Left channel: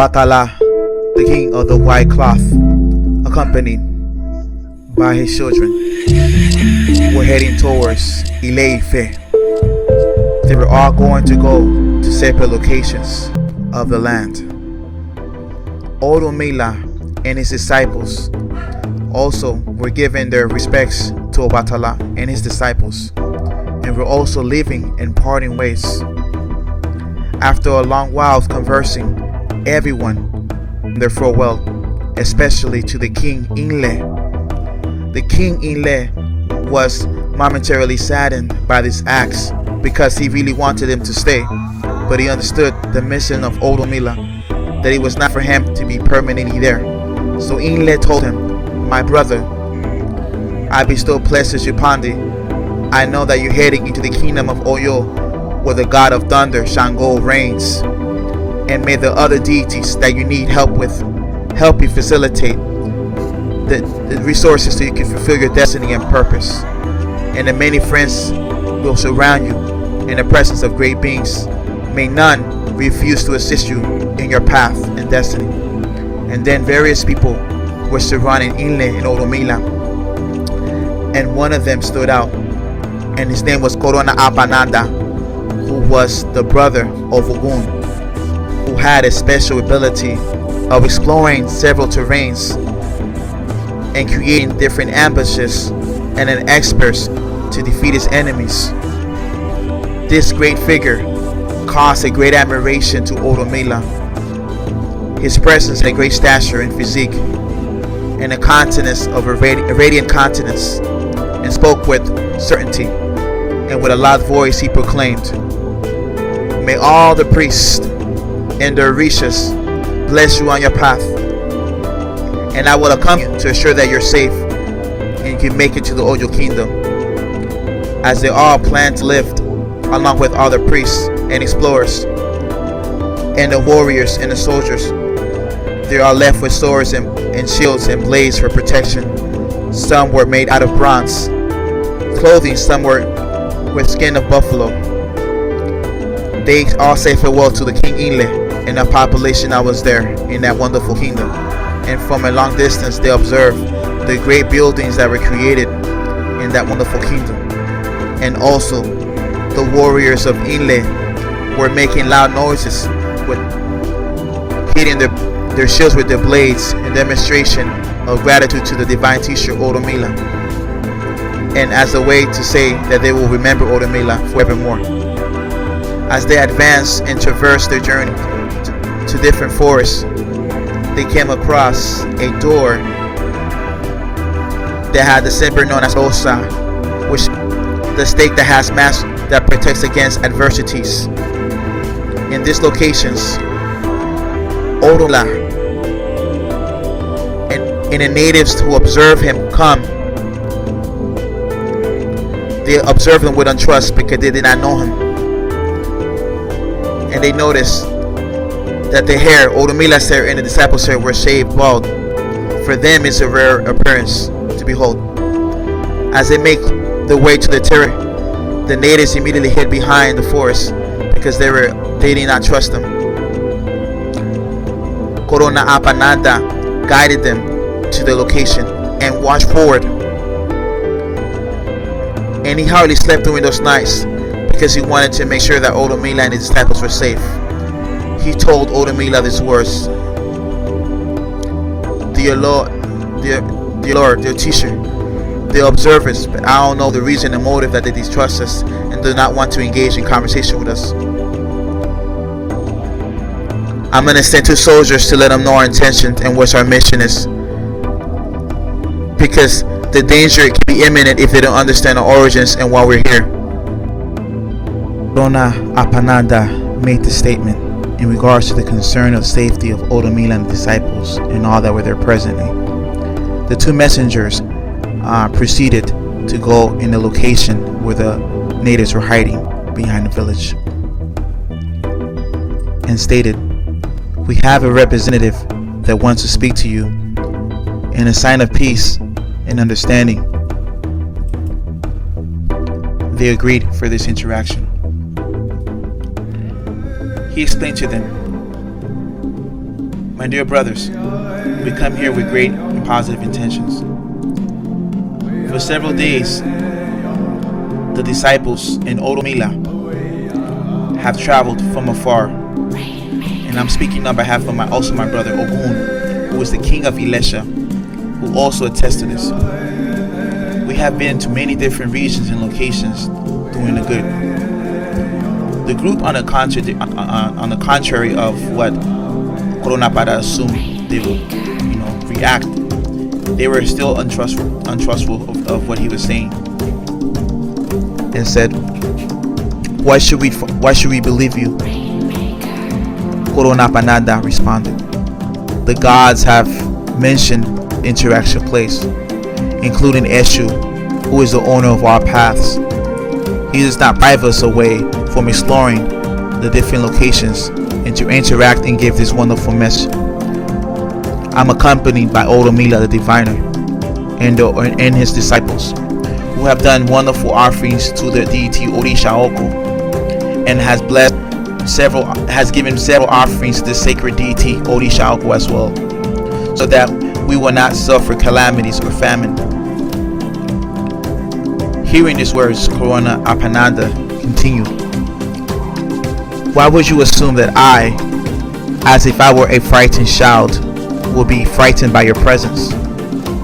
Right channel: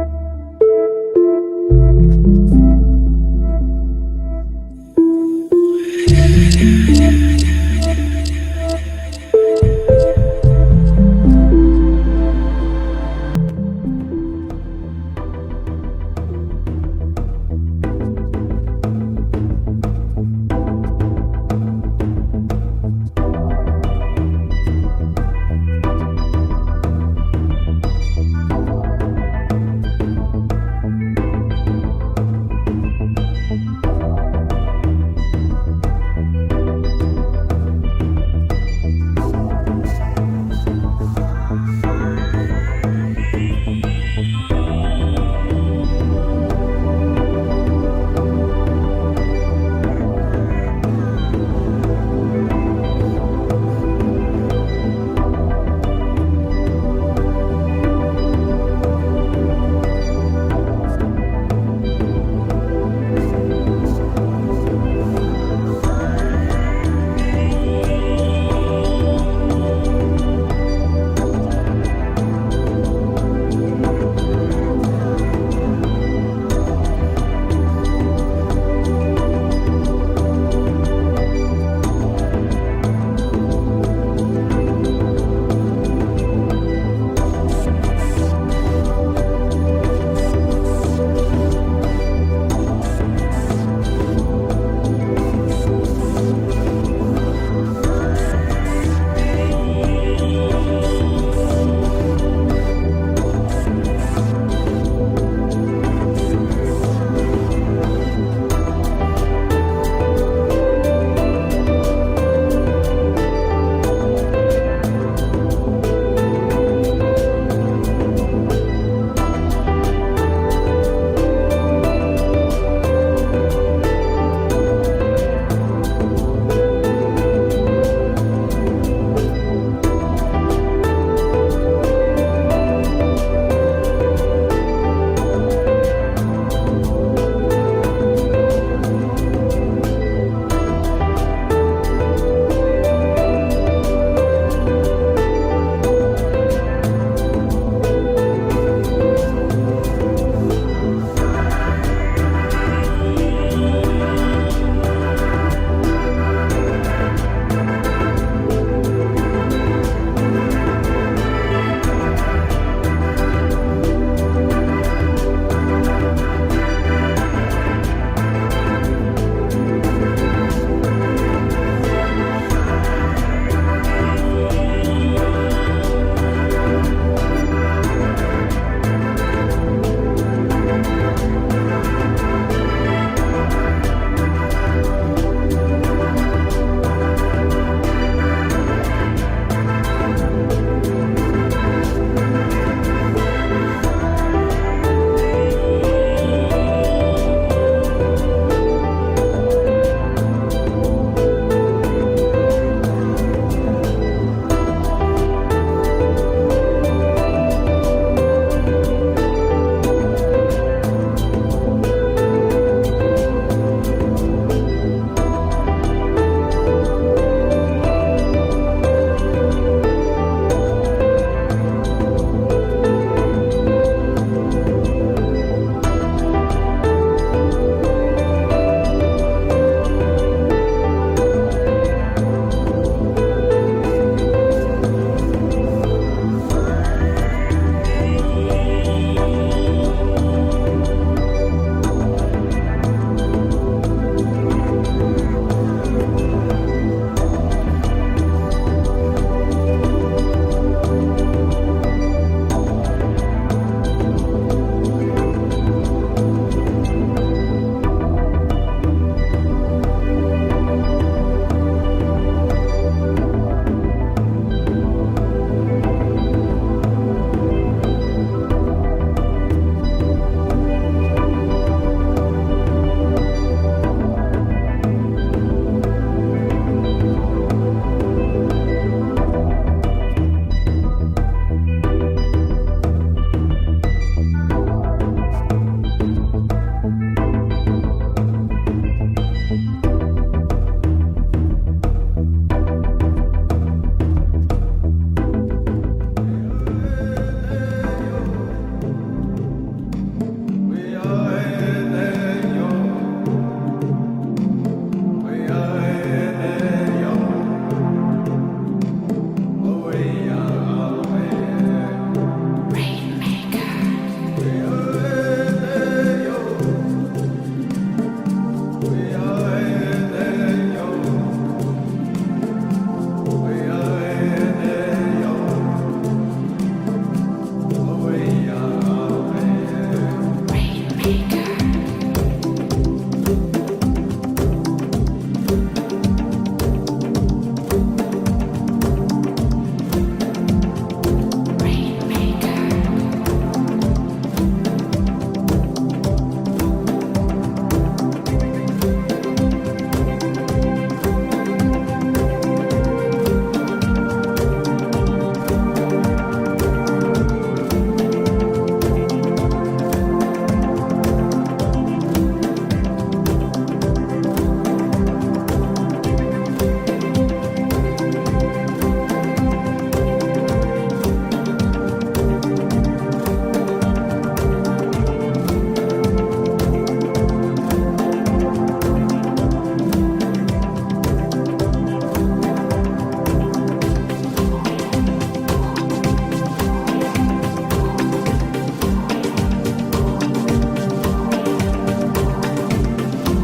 Obatala, the king of the white cloth, accompanied by his children, were heading towards Ileife. They were all going to go to separate locations of the land. Orunmila and his disciples also were giving their respects to Obatala and his disciples, and were also leaving in parting ways. After a long while of conversing, everyone their farewell, especially to the king Inle. The king Inle was momentarily saddened by these acts because he really wanted him to stay, but he understood the mission of Orunmila, that it was not for him to be permanently there. So Inle told him, "My brother, I bestow pleasures upon thee. I know that you're heading into the kingdom of Oyo, where the god of thunder, Shango, reigns. And may the other deities that you need help with help you facilitate the resources so you can fulfill your destiny and purpose. And the many friends will surround you in the presence of great beings. May none refuse to assist you in your path and destiny." And then various people were surrounding Inle and Orunmila, and one of them stood out, and his name was Corona Apananda, who was the brother of Ogun, who had a special ability of exploring several terrains and creating different ambushes, and an expert to defeat his enemies. This great figure caused a great admiration to Orunmila. His presence had a great stature and physique, and a countenance of a radiant countenance, and spoke with certainty, and with a loud voice he proclaimed, "May all the priests and the orishas bless you on your path, and I will accompany you to ensure that you're safe and you can make it to the Oyo kingdom." As they all plan to live along with all the priests and explorers and the warriors and the soldiers, they are left with swords and shields and blades for protection. Some were made out of bronze clothing, some were with skin of buffalo. They all say farewell to the king Inle and the population that was there in that wonderful kingdom. And from a long distance they observed the great buildings that were created in that wonderful kingdom. And also the warriors of Inle were making loud noises, with hitting their shields with their blades in demonstration of gratitude to the divine teacher Orunmila, and as a way to say that they will remember Orunmila forevermore. As they advanced and traversed their journey to different forests, they came across a door that had the symbol known as Osa, which the stake that has mass that protects against adversities. In these locations, Orunmila and the natives who observe him come. They observe him with untrust because they did not know him. And they notice that the hair, Orunmila's hair and the disciples' hair, were shaved bald. For them it's a rare appearance to behold. As they make the way to the terrace, the natives immediately hid behind the forest because they did not trust them. Corona Apananda guided them to the location and watched forward. And he hardly slept during those nights because he wanted to make sure that Orunmila and his disciples were safe. He told Orunmila these words: "Dear Lord, dear teacher, the observers, but I don't know the reason and motive that they distrust us and do not want to engage in conversation with us. I'm going to send 2 soldiers to let them know our intention and what our mission is, because the danger can be imminent if they don't understand our origins and why we're here." Dona Apananda made the statement in regards to the concern of safety of Orunmila and disciples and all that were there presently. The 2 messengers proceeded to go in the location where the natives were hiding behind the village, and stated, "We have a representative that wants to speak to you in a sign of peace and understanding." They agreed for this interaction. He explained to them My dear brothers, we come here with great and positive intentions. For several days, the disciples in orunmila have traveled from afar, and I'm speaking on behalf of my brother Ogun, who is the king of Ilesha, who also attests to this. We have been to many different regions and locations doing the good. The group, on the contrary of what Corona Para assumed they would react, they were still untrustful of what he was saying, and said, why should we believe you? Corona Panada responded, the gods have mentioned interaction place, including Eshu, who is the owner of our paths. He does not drive us away from exploring the different locations and to interact and give this wonderful message. I'm accompanied by orunmila the diviner and his disciples, who have done wonderful offerings to the deity Orisha Oku, and has given several offerings to the sacred deity Orisha Oku as well, so that we will not suffer calamities or famine. Hearing these words, Corona Apanada continued, why would you assume that I, as if I were a frightened child, will be frightened by your presence?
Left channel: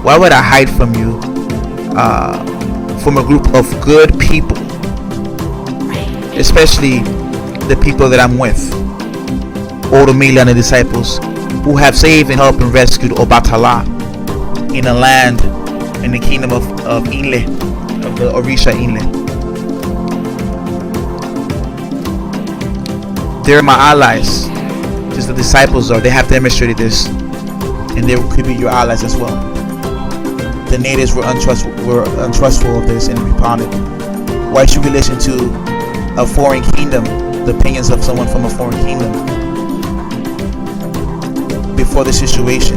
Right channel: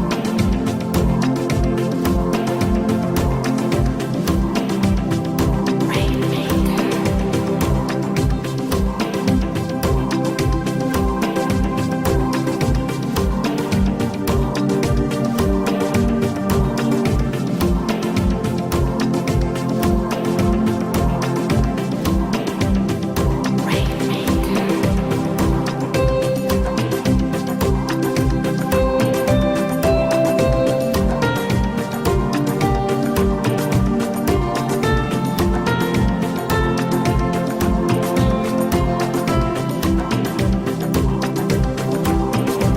Why would I hide from you, from a group of good people, especially the people that I'm with, orunmila and the disciples, who have saved and helped and rescued Obatala in the land, in the kingdom of Inle, of the Orisha Inle. They're my allies, as the disciples are. They have demonstrated this, and they could be your allies as well. The natives were untrustful of this and upon it. Why should we listen to a foreign kingdom, the opinions of someone from a foreign kingdom? Before the situation,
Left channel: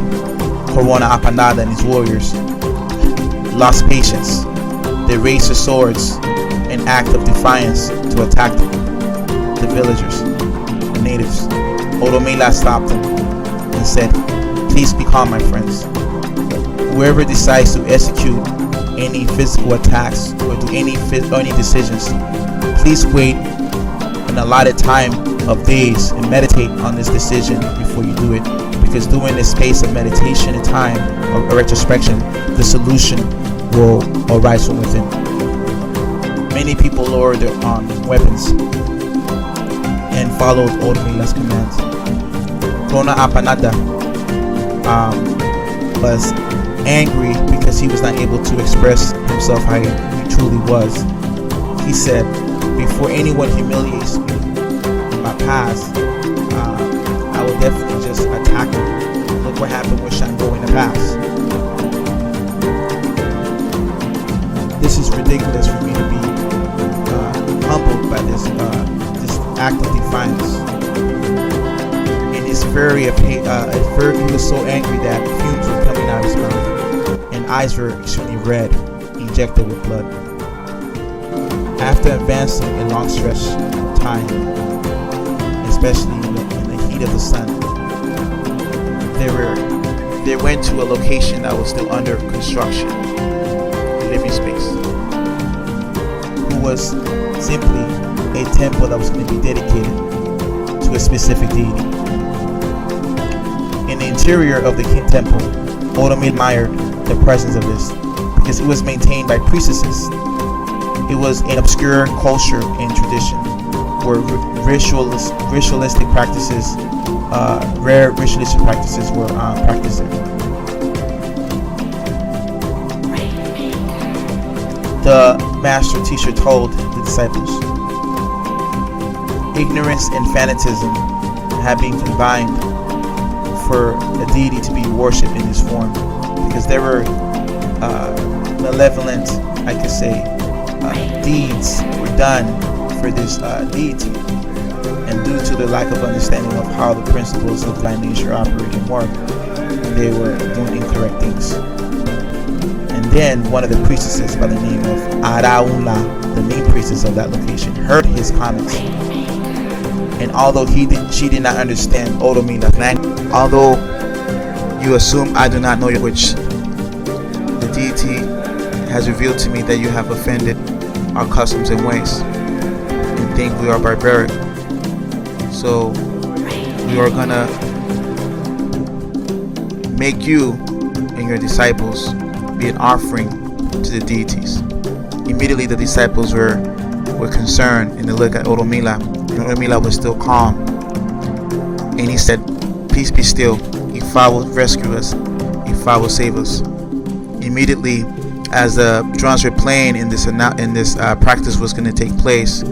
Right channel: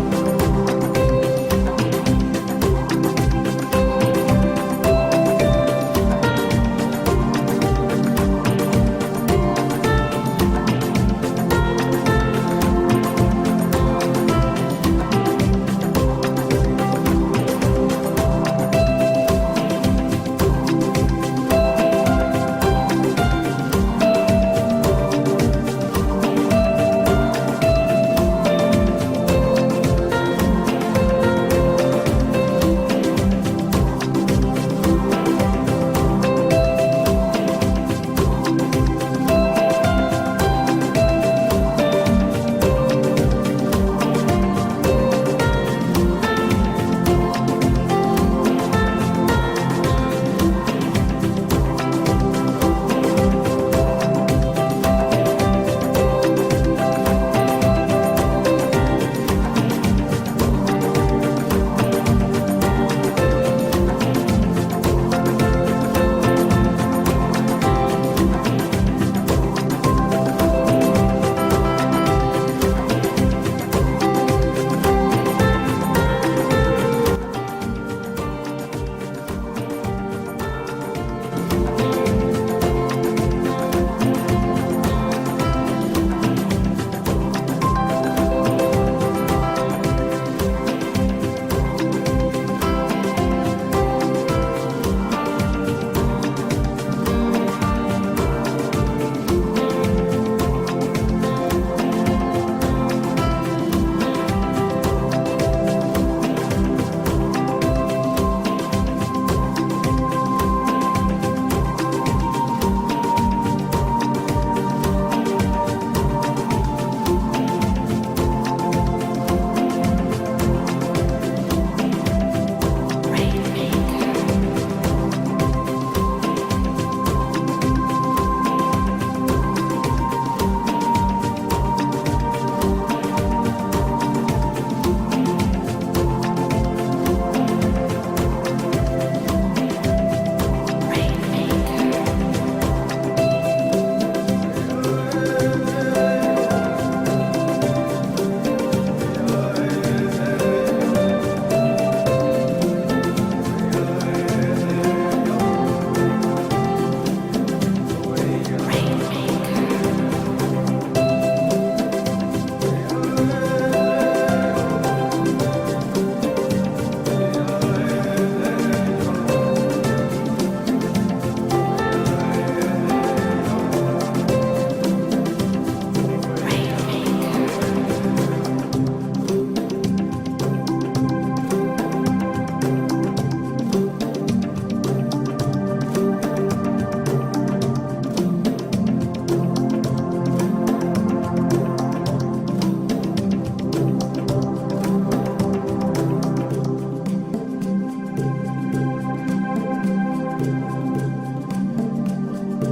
Corona Apanada and his warriors lost patience. They raised their swords in act of defiance to attack the villagers, the natives. Orunmila stopped them and said, please be calm, my friends. Whoever decides to execute any physical attacks or do any decisions, please wait an allotted time of days and meditate on this decision before you do it, because during this space of meditation and time of retrospection, the solution will arise from within. Many people lowered their weapons and followed orunmila's commands. Corona Apanada was angry because he was not able to express himself how he truly was. He said, before anyone humiliates my past, I will definitely just attack him. What happened with Shango in the past? This is ridiculous for me to be humbled by this act of defiance. And his fury was so angry that fumes were coming out of his mouth, and eyes were extremely red, injected with blood. After advancing a long stretch of time, especially in the heat of the sun, they went to a location that was still under construction, living space, who was simply a temple that was going to be dedicated to a specific deity. In the interior of the king temple, orunmila admired the presence of this, because it was maintained by priestesses. It was an obscure culture and tradition where ritualistic practices, rare ritualistic practices were practiced. The master teacher told the disciples, ignorance and fanatism have been combined for the deity to be worshipped in this form, because there were malevolent, I could say, deeds done for this deity, and due to the lack of understanding of how the principles of divine nature operate and work, they were doing incorrect things. And then one of the priestesses by the name of Araula, the main priestess of that location, heard his comments and although she did not understand orunmila language. Although you assume I do not know your language, the deity has revealed to me that you have offended our customs and ways and think we are barbaric. So we are gonna make you and your disciples be an offering to the deities. Immediately the disciples were concerned and they looked at orunmila. Orunmila was still calm, and he said, "Peace be still. Ifa will rescue us. Ifa will save us." Immediately, as the drums were playing and this practice was going to take place,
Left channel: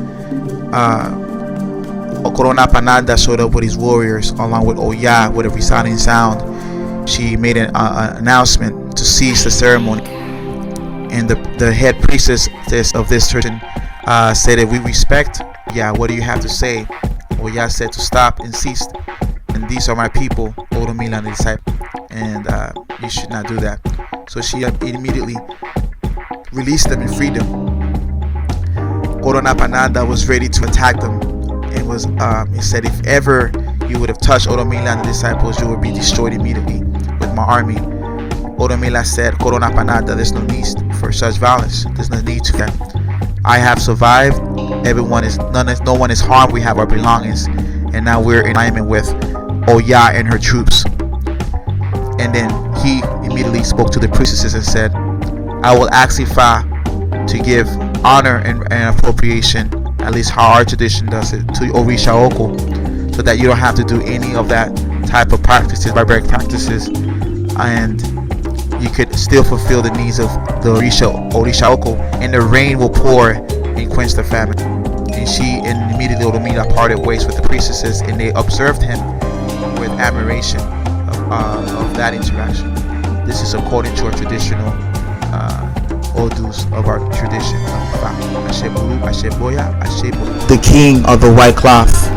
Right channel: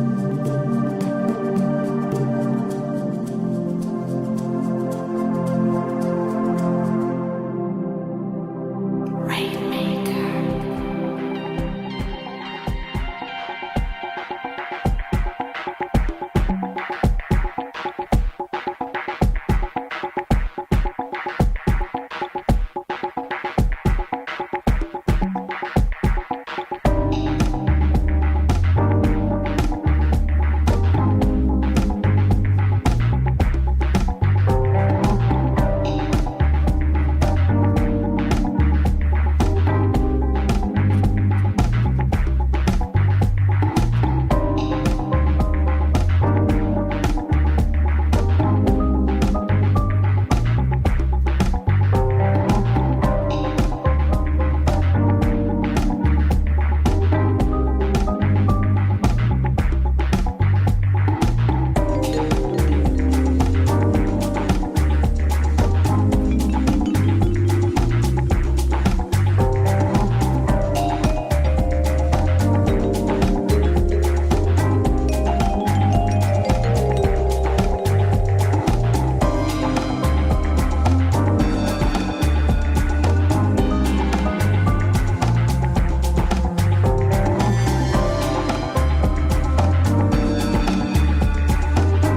Okorona Panada showed up with his warriors along with Oya with a resounding sound. She made an announcement to cease the ceremony, and the head priestess of this tradition said, "If we respect, what do you have to say?" Oya said to stop and cease, and these are my people, orunmila and the disciple, and you should not do that. So she immediately released them and freed them. Corona Pananda was ready to attack them. He said, "If ever you would have touched orunmila and the disciples, you would be destroyed immediately with my army." Orunmila said, "Corona Pananda, there's no need for such violence. There's no need to that. I have survived. No one is harmed. We have our belongings, and now we're in alignment with Oya and her troops." And then he immediately spoke to the priestesses and said, "I will ask Ifa to give honor and appropriation, at least how our tradition does it, to Orisha Oko, so that you don't have to do any of that type of practices, barbaric practices, and you could still fulfill the needs of the Orisha Oko, and the rain will pour and quench the famine." And immediately orunmila parted ways with the priestesses, and they observed him with admiration of that interaction. This is according to our traditional odus of our tradition. The king of the white cloth.